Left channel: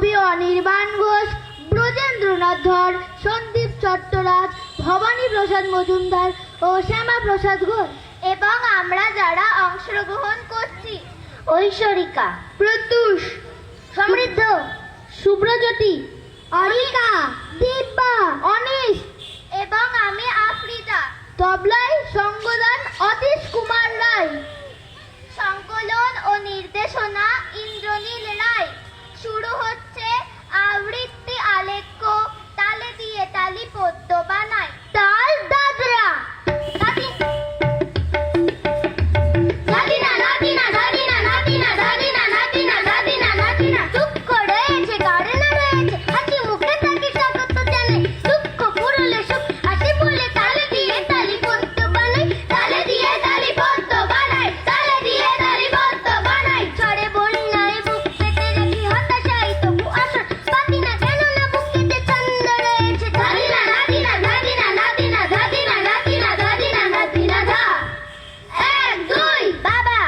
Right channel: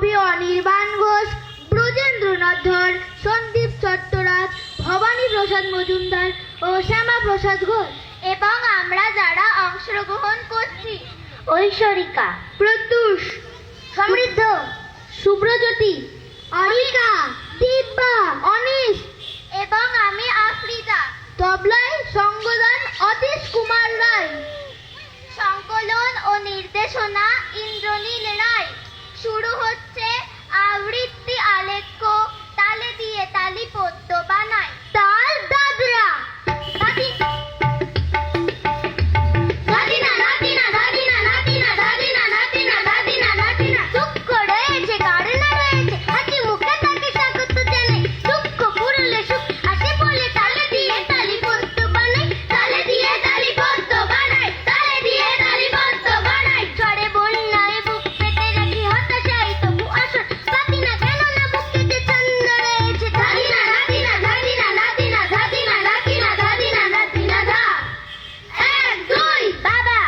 কবি অনির্বাণ ঘোষ, ব্রজেন্দ্রনাথ ধর, সন্দীপ চট্টরাজ, ভবানী প্রসাদ মজুমদার ও শ্যামা প্রসাদ ঘোষ। এবং আমরা যারা অংশগ্রহণ করছি: ঐশ্বরিকা, প্রত্যুষ, সমৃদ্ধ, শুভ্রজ্যোতি, অরিকা, দিব্যা, অনিশ এবং আমি আফ্রিদা। তবলায় সঙ্গদান অতীশ কুমার রায়। সংকলন ও নির্দেশনা ইন্দ্রনীল রায়। শুরু হচ্ছে আবৃত্তি আলেখ্য তালে দিয়ে তালি পদ্য বানায়। তাল দাদরা দাদিনা দাদিনা দাদিনা দাদিনা দাদিনা দাদিনা দাদিনা দাদিনা দুঃখ রয়েছে কারণে রয়েছে হাসি মুখে তাকে স্বাগত জানাই। দুঃখ পুরলে সুখ হাসি বলে তালে দিয়ে তালি পদ্য বানাই। তালে দিয়ে তালি পদ্য বানাই। তালে দিয়ে তালি পদ্য বানাই। ঝড়ে বন্যায় বুক পেতে রাখি হতাশায় তবু আসর পাতি না কেন না বুকেতে চন্দ্র রয়েছে। দাদিনা দাদিনা দাদিনা দাদিনা দাদিনা দাদিনা দাদিনা দাদিনা দা এক দুই বাবা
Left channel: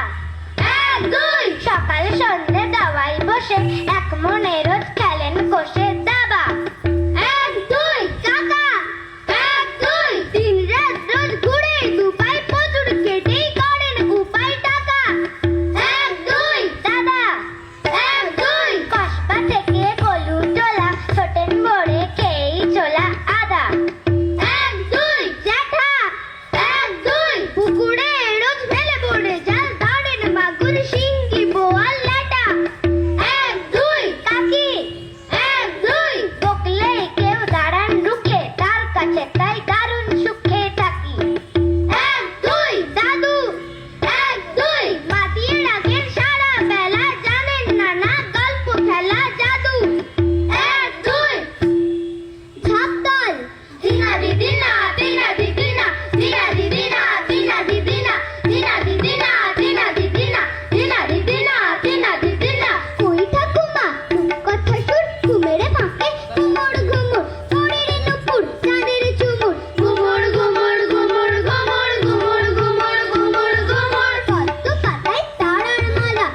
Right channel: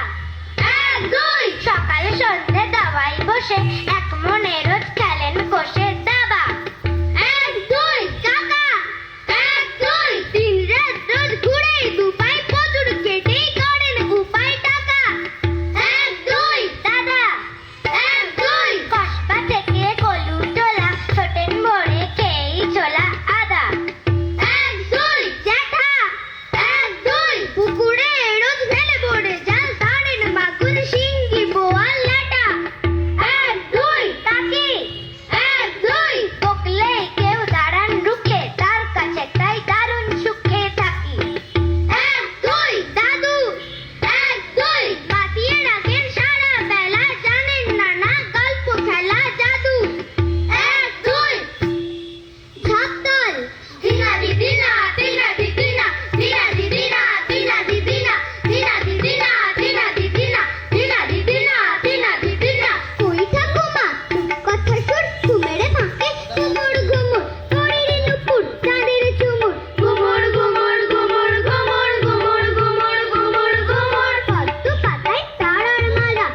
এক দুই সকালে সন্ধ্যে দাওয়াই বসে এক মনে রোজ খেলেন কষে দাবা। এক দুই কাকা এক দুই দিন রাত রোজ ঘুরে দুপাই প্রচুর কেটেই করেন উপায় টাকা। এক দুই দাদা এক দুই কসবা থেকে কলু চোলা ছোটেন ভরে খেয়েই চলা আদা। এক দুই জ্যাঠা এক দুই পুকুরে রোজ ফেলে পড়ে জাল ধরেন মাগুর শিঙ্গি বোয়াল ল্যাটা। এক দুই কাকি এক দুই বকলে কেউ দাঁড়ান রুখে তার কাছে তাই দারুণ সুখে থাকি। এক দুই দাদু এক দুই মাতিয়ে রাখেন সারা বেলা জানেন নানা গল্প খেলা জাদু। এক দুই ঝাপতাল দিনা দিদিনা দিনা দিদিনা দিনা দিদিনা দিনা দিদিনা দিনা দিদিনা দিনা দিদিনা দিনা দিদিনা দিনা দিদিনা কই ঠাকুমা কথা শুন ঘুমেরে ফাঁকে ঘুমুর ঘুমুর পরের নুপুর চাঁদের চুমুর ঘুমুর ঘুমুর ঘুমুর ঘুমুর ঘুমুর ঘুমুর ঘুমুর ঘুমুর পদ্ম পাতায় তারার মালা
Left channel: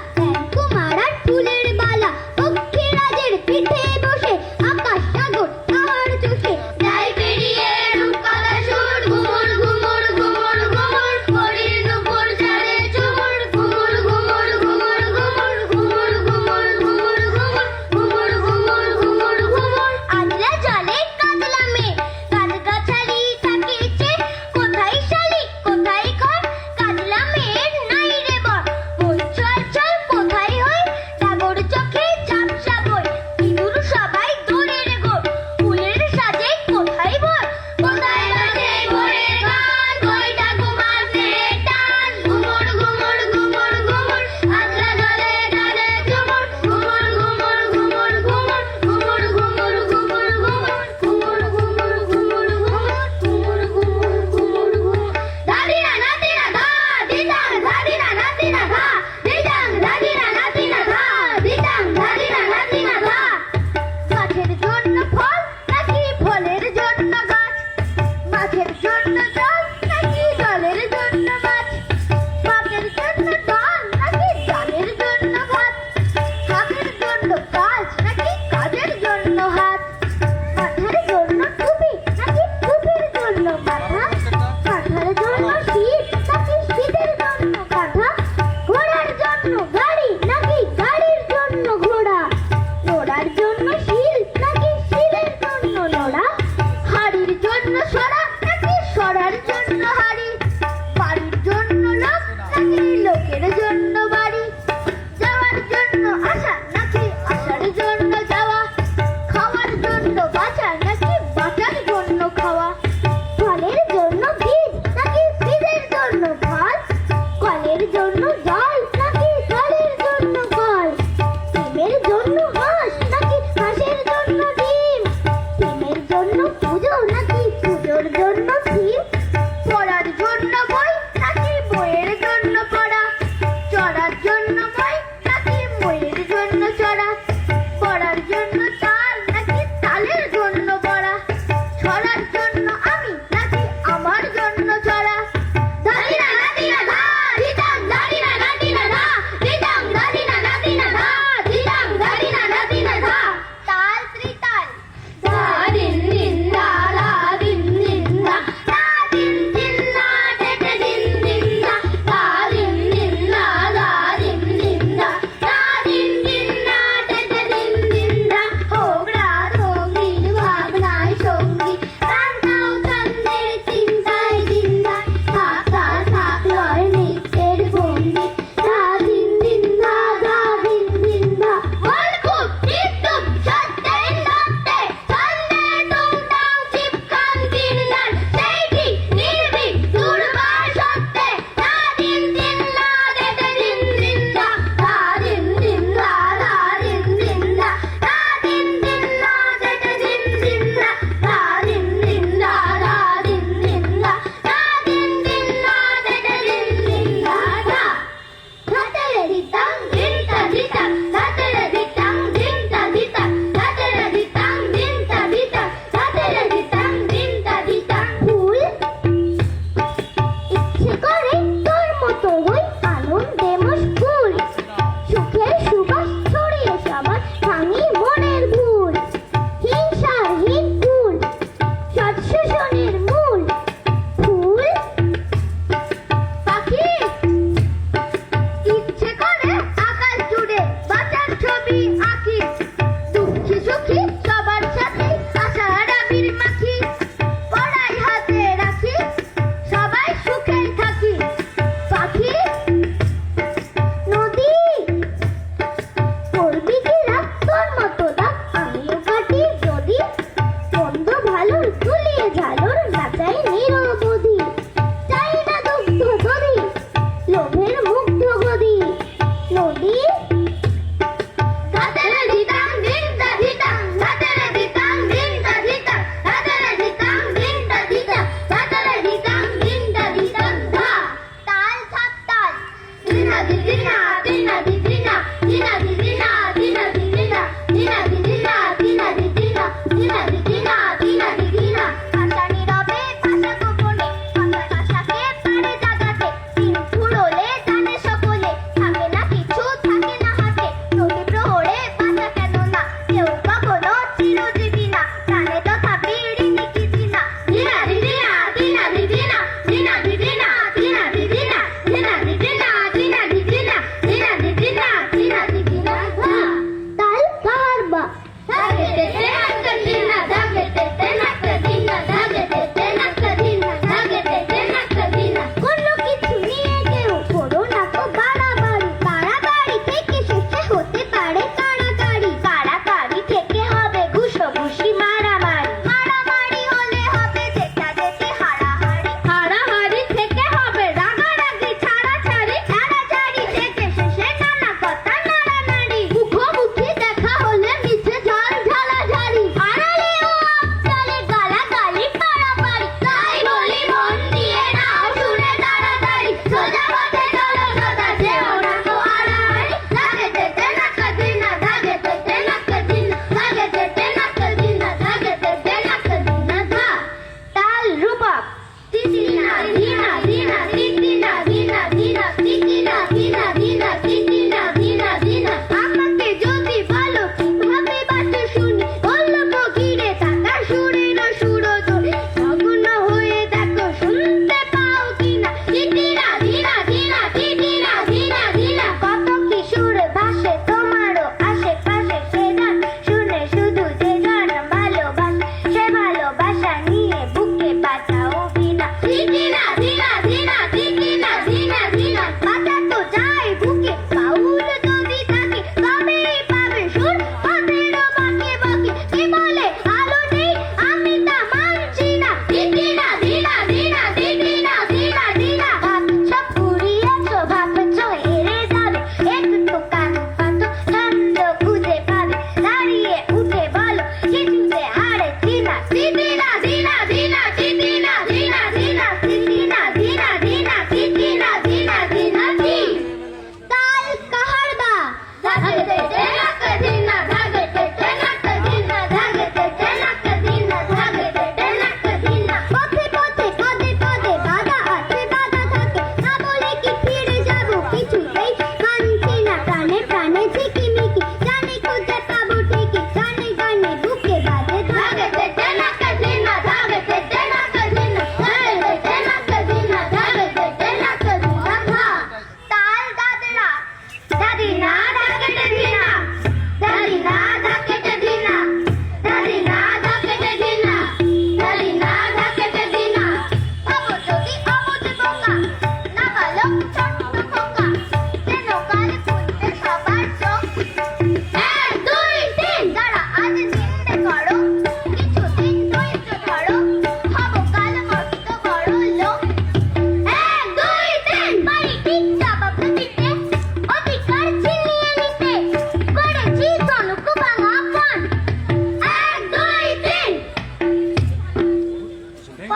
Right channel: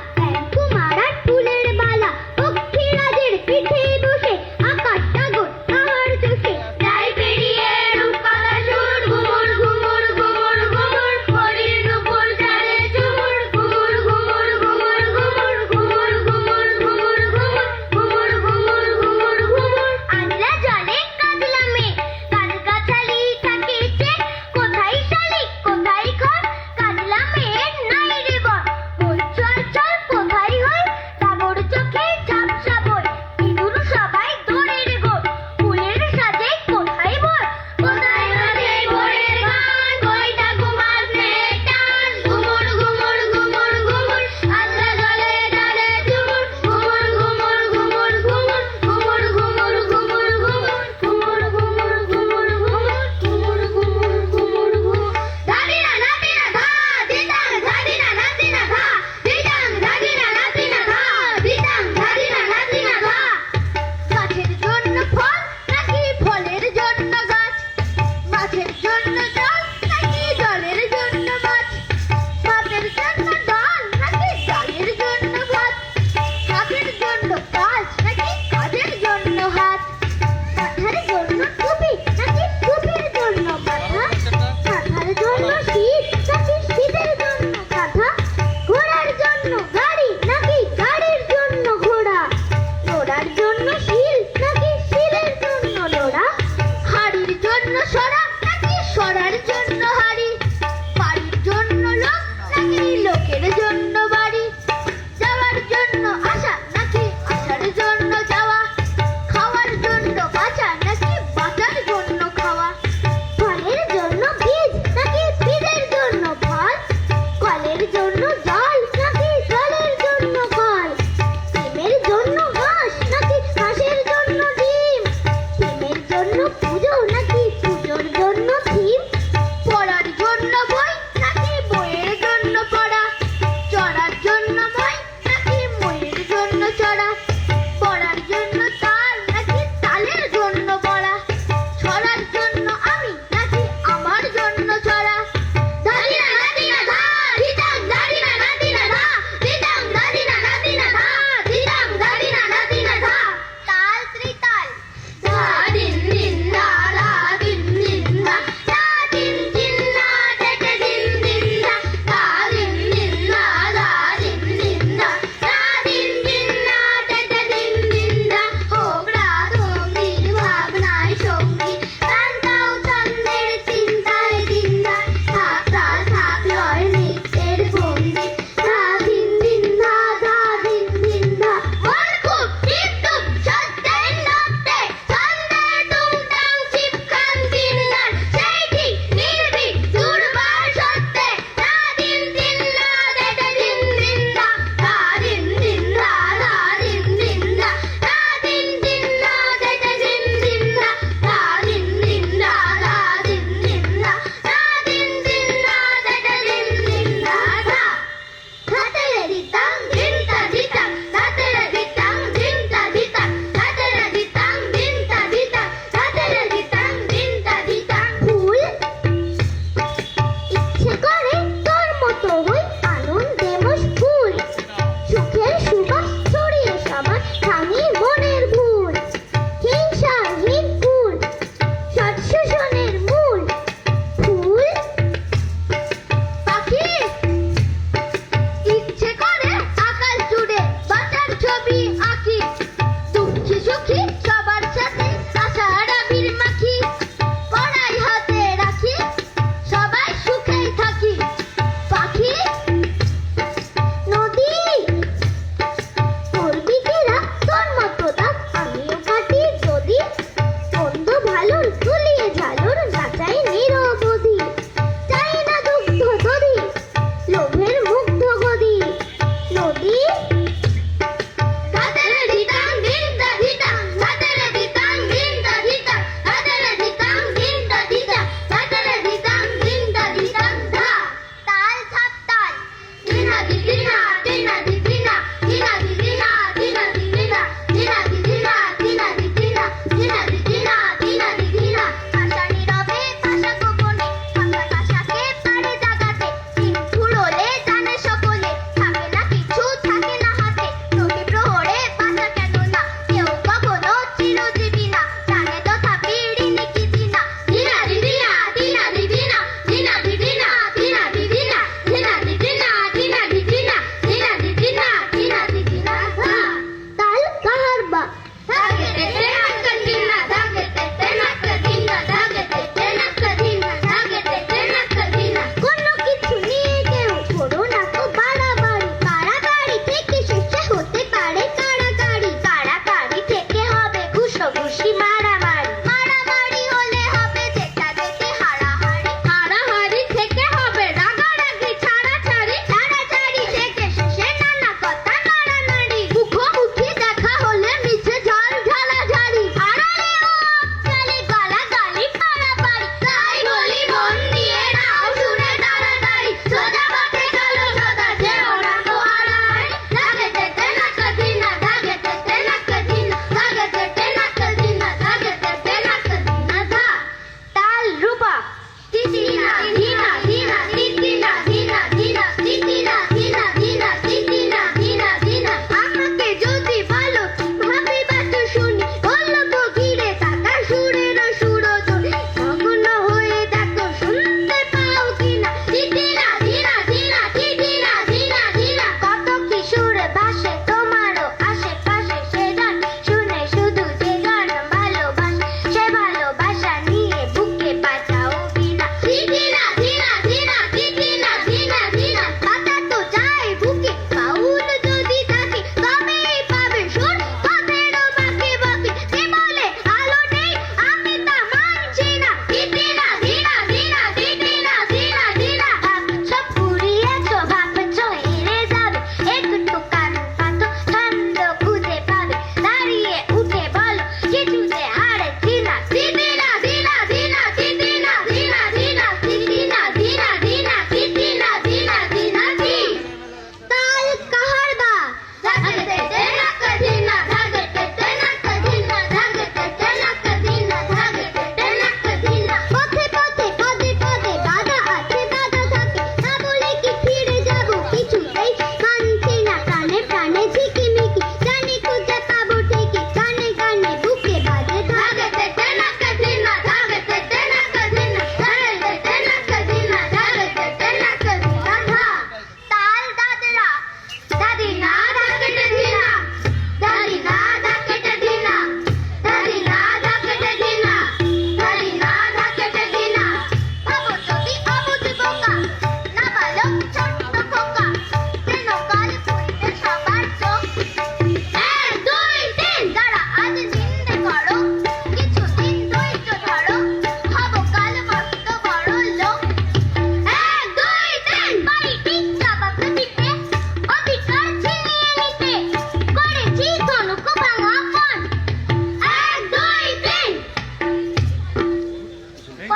কুমারার ফুলের বালা পক্ষীরাজের পিঠে বসে আকাশ সাগর আর চোখে যাই পেরিয়ে রূপকথা সুর ঘুমুর ঘুমুর ঘুমুর ঘুমুর পরের নুপুর চাঁদের চুমুর ঘুমুর ঘুমুর ঘুমুর ঘুমুর ঘুমুর ঘুমুর ঘুমুর ঘুমুর ঘুমুর ঘুমুর ঘুমুর আজলা জলে কাজলা মেয়ে গাছগাছালি থাকিছে কোথায় শালিক কোথায় ঘর কাজলা মেয়ের নাই রে বর বই চল চল কোথায় হয় ডাগর চোখে ঝাপসা বই ইঁদুর সবাই দৌড়ের গোর ফুলের সাজে কোথায় ভোর কোথায় বাজে ভোরের গান কই ঠাকুমার স্নেহের টান ঘুমুর ঘুমুর ঘুমুর ঘুমুর আজলা জলে জলে ঝুমুর ঘুমুর ঘুমুর ঘুমুর ঘুমুর ঘুমুর ঘুমুর ঘুমুর ঘুমুর ঘুমুর ঘুমুর ঘুমুর ঘুমুর ঘুমুর ঘুমুর ঘুমুর দাদিনা নাতিনা ধা দিদাং দাদিনা নাতিনা ধা দিদাং দাদিনা নাতিনা ধা দিদাং দাদিনা নাতিনা ধা গাছের জন্য ফল নাকি ফলের জন্য গাছ মাছের জন্য জল নাকি জলের জন্য মাছ ভাতের জন্য ডাল নাকি ডালের জন্য ভাত হাতের জন্য কাজ নাকি কাজের জন্য হাত মাথার জন্য টুপি নাকি টুপির জন্য মাথা মাথার জন্য শীত নাকি শীতের জন্য কাঁথা ঘোড়ার জন্য গাড়ি নাকি গাড়ির জন্য ঘোড়া নোড়ার জন্য শিল নাকি শিলের জন্য নোড়া হাড়ির জন্য সরা নাকি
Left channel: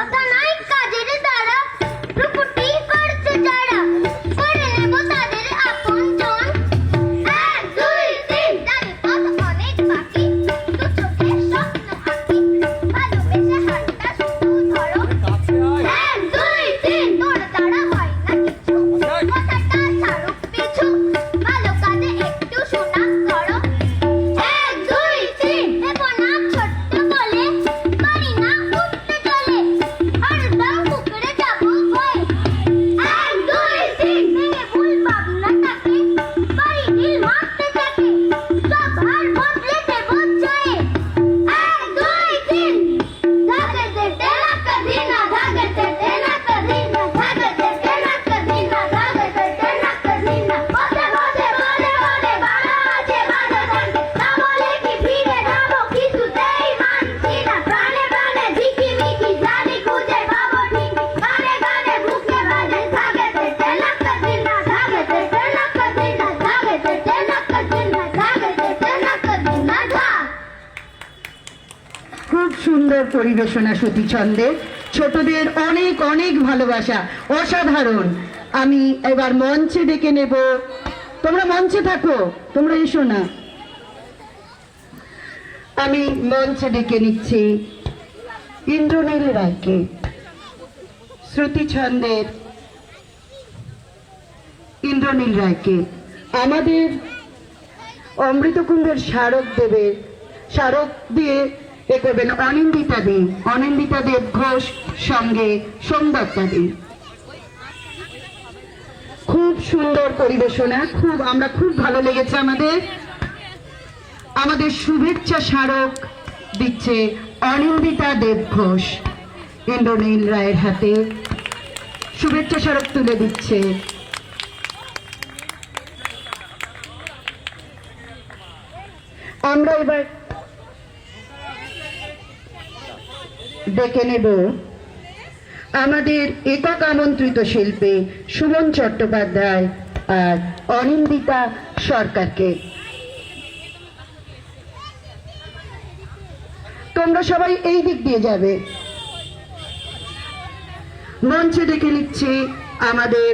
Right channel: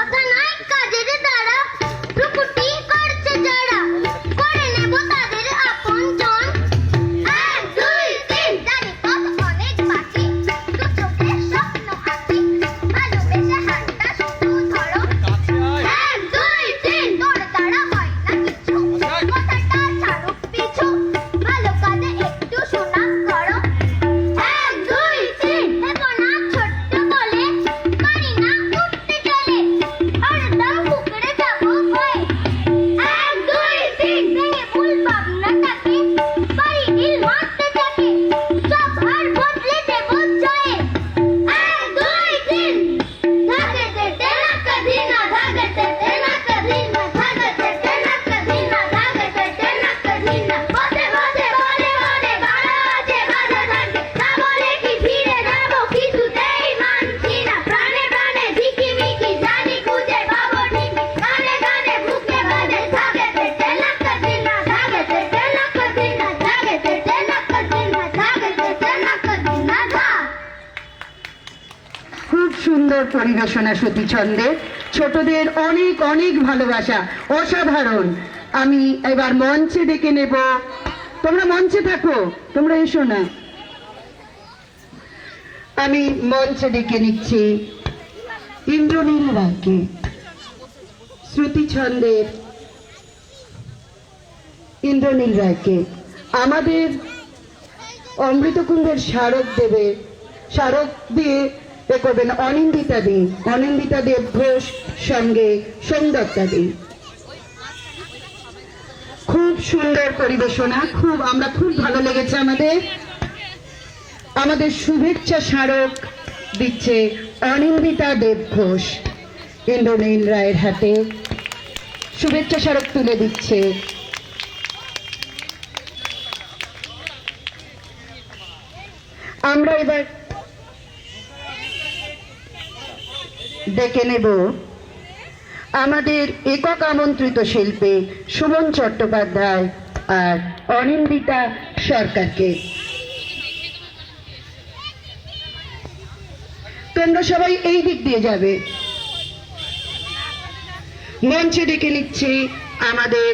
কথা নয় কাজের দ্বারা রূপটি করছে যারা করে নেব তাদের আপনজন। 1 2 3 জানি পথ অনেক বাকি দু চোখে স্বপ্ন আঁকি ভালোবেসে হাতটা শুধু ধরো। 1 2 3 তোর দ্বারা হয় না কিছু কথাটা ছাড়ুক পিছু ভালো কাজে একটু শোনা করো। 1 2 3 দেব না ছোট্ট বলে পারি না উঠতে গেলে হরদম পুকুরে যাবো ভয়ে। 1 2 3 ভেঙে ভুল ভাবনাটাকে পারি ঢিল মারতে থাকে সব হার বদলে দেব জয়ে। 1 2 3 ধাগতে তেনা কদি না ধাগতে তেনা কদি না ধাগতে তেনা কদি না ধাগতে তেনা কদি না বসে বসে বলে বলে বাড়া আছে বাধা থাকে তা বলে কি ফিরে যাবো কিছুতেই মানছি না প্রাণে প্রাণে ঝিকিমিকি জানি খুঁজে পাবো ঠিকই গানে গানে বুকে বাজে ধাগতে তেনা কদি না ধাগতে তেনা কদি না ধাগতে তেনা কদি না ধাগতে তেনা কদি না ধা। খুব সুন্দর পরিবেশনা সতী ছন্দের, ছোটদের অনেক অনেক ভালোবাসা, অসাধারণ। আমি এবার মঞ্চে ডেকে নেব, তোমরা মঞ্চে থাকো, তোমরা এসো না। আমি মঞ্চে ডেকে নিচ্ছি ইন্দ্রনীল রায়কে, শ্রুতি ছন্দের ইন্দ্রনীল রায়কে। আমাদের অমৃতকুণ্ডের স্মারক দেবে, স্মারক দিয়ে এ করবেন অনিন্দিতা দে, অনিন্দিতা দেব ঘোষ, সঙ্গে সোমদত্তা দে। খুব সুন্দর পরিবেশনা, আমরা খুব ভালো লেগেছে আমাদের। আমাদের শুভেচ্ছা স্মারক দিচ্ছে অনিন্দিতা দেব ঘোষ, ইন্দ্রনীল রায়ের হাতে শুভেচ্ছা স্মারক তুলে দিচ্ছে। আমরা এবার ডেকে নেব আমাদের একক আমন্ত্রিত শিল্পী সুমন চট্টোপাধ্যায় আর অনিন্দিতা সরকারকে। তোমরা সবাই এই দিক দিয়ে যাবে। মঞ্চে ডেকে নিচ্ছি আমাদের